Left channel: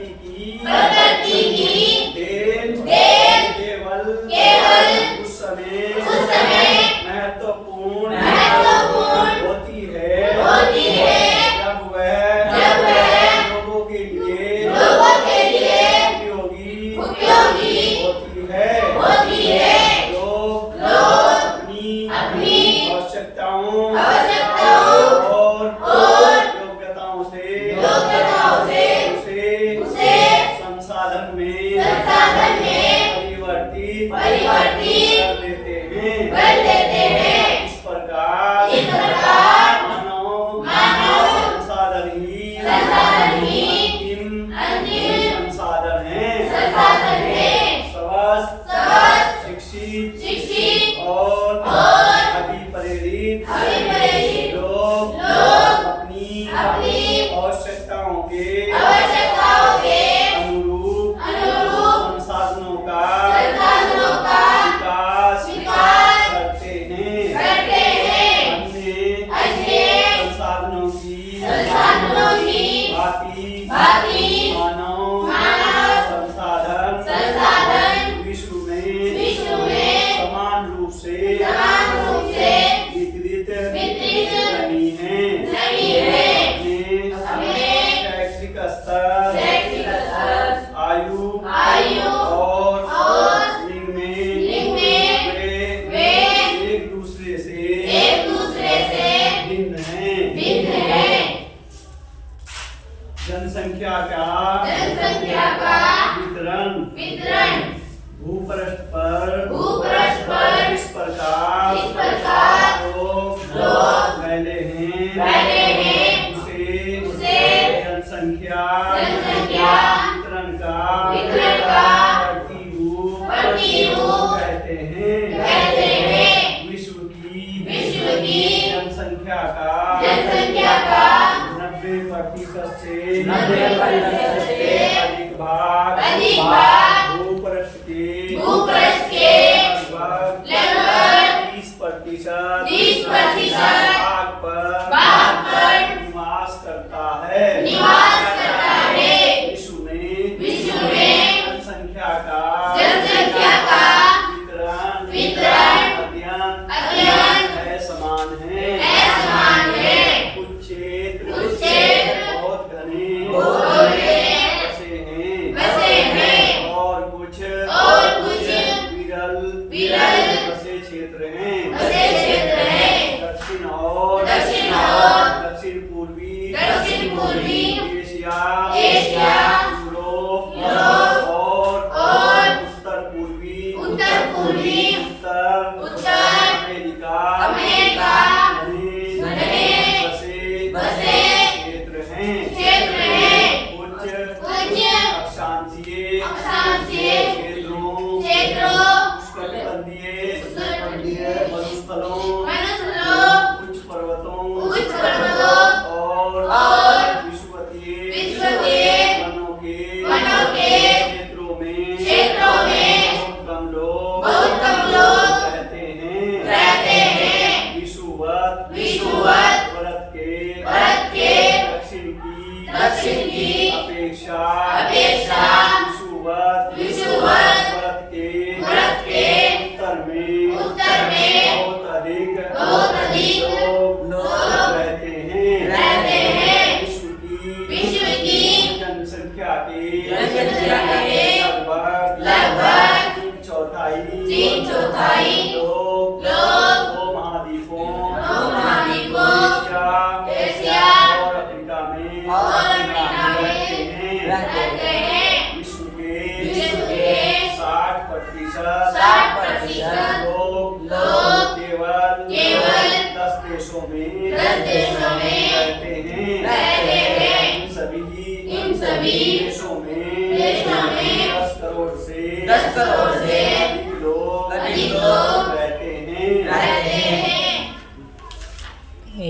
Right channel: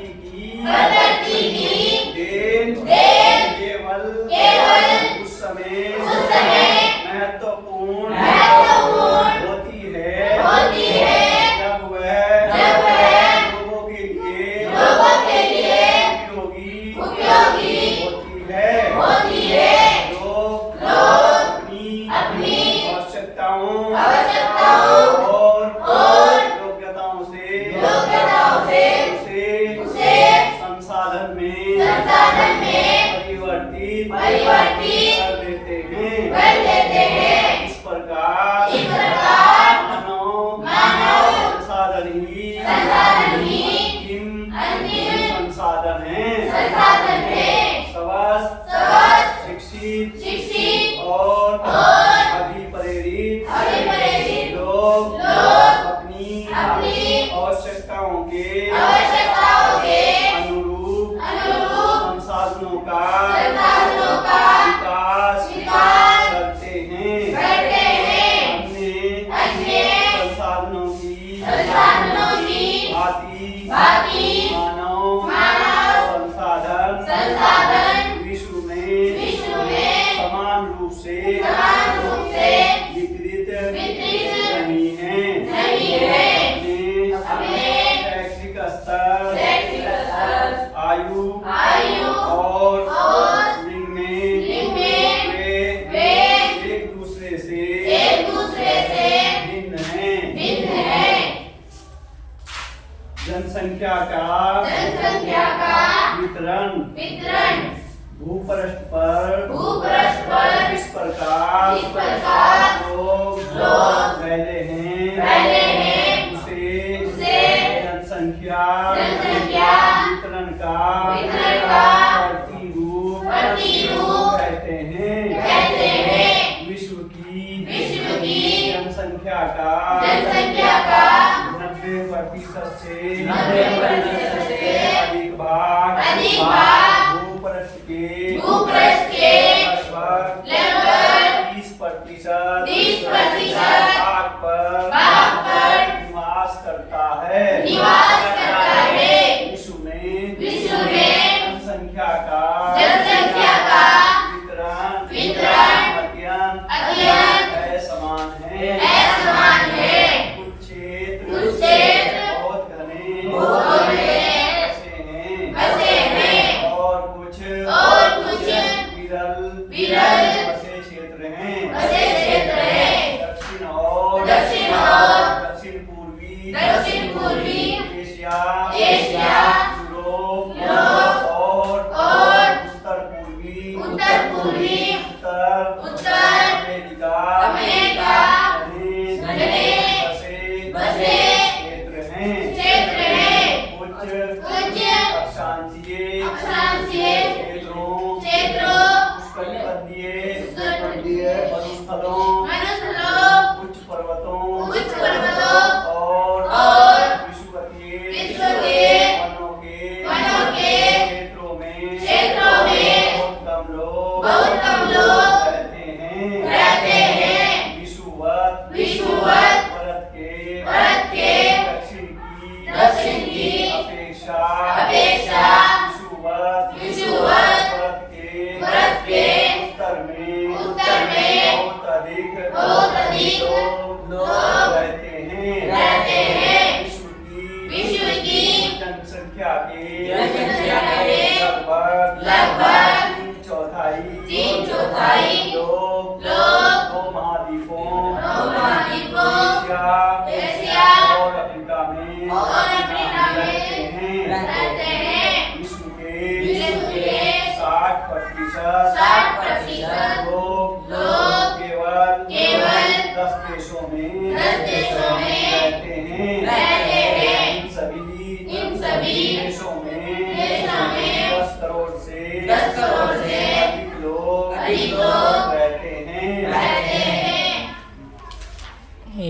प्रकृति की देन केवल उस समय महत्वपूर्ण होती है जब वह लोगों के लिए उपयोगी होती है। लोग अपनी आवश्यकताओं और योग्यताओं से उसे संसाधन में परिवर्तित कर देते हैं। इस प्रकार मानव संसाधन ही अंतिम संसाधन है। स्वस्थ शिक्षित और अधिप्रेरित लोग अपनी आवश्यकताओं के अनुरूप संसाधनों का विकास करते हैं। अन्य संसाधनों की भांति मानव संसाधन विश्व में समान रूप से वितरित नहीं है। अपने शैक्षिक स्तर आयु और लिंग में वे एक दूसरे से भिन्न हैं। जनसंख्या का वितरण भूपृष्ठ पर इस प्रकार लोग फैले हैं उसे जनसंख्या वितरण का प्रतिरूप कहते हैं। विश्व की जनसंख्या का 90% से अधिक भाग भूपृष्ठ के लगभग 30% भाग पर निवास करता है। विश्व में जनसंख्या का वितरण अत्यंत असमान है। कुछ क्षेत्र बहुत घने बसे हैं और कुछ विरल बसे क्षेत्र हैं। दक्षिण और दक्षिण पूर्वी एशिया यूरोप और उत्तर पूर्वी उत्तर अमेरिका में बसे क्षेत्र हैं। कुछ अक्षांशीय क्षेत्रों उष्णकटिबंधीय मरुस्थलों उच्च पर्वतों और विषुवतीय वनों के क्षेत्रों में बहुत कम लोग रहते हैं। विषुवत भारत के दक्षिण की अपेक्षा विषुवत भारत के उत्तर में बहुत अधिक लोग रहते हैं। विश्व की जनसंख्या के लगभग 3/4 लोग दो महाद्वीपों एशिया और अफ्रीका में रहते हैं। विश्व के 60% लोग केवल 10 देशों में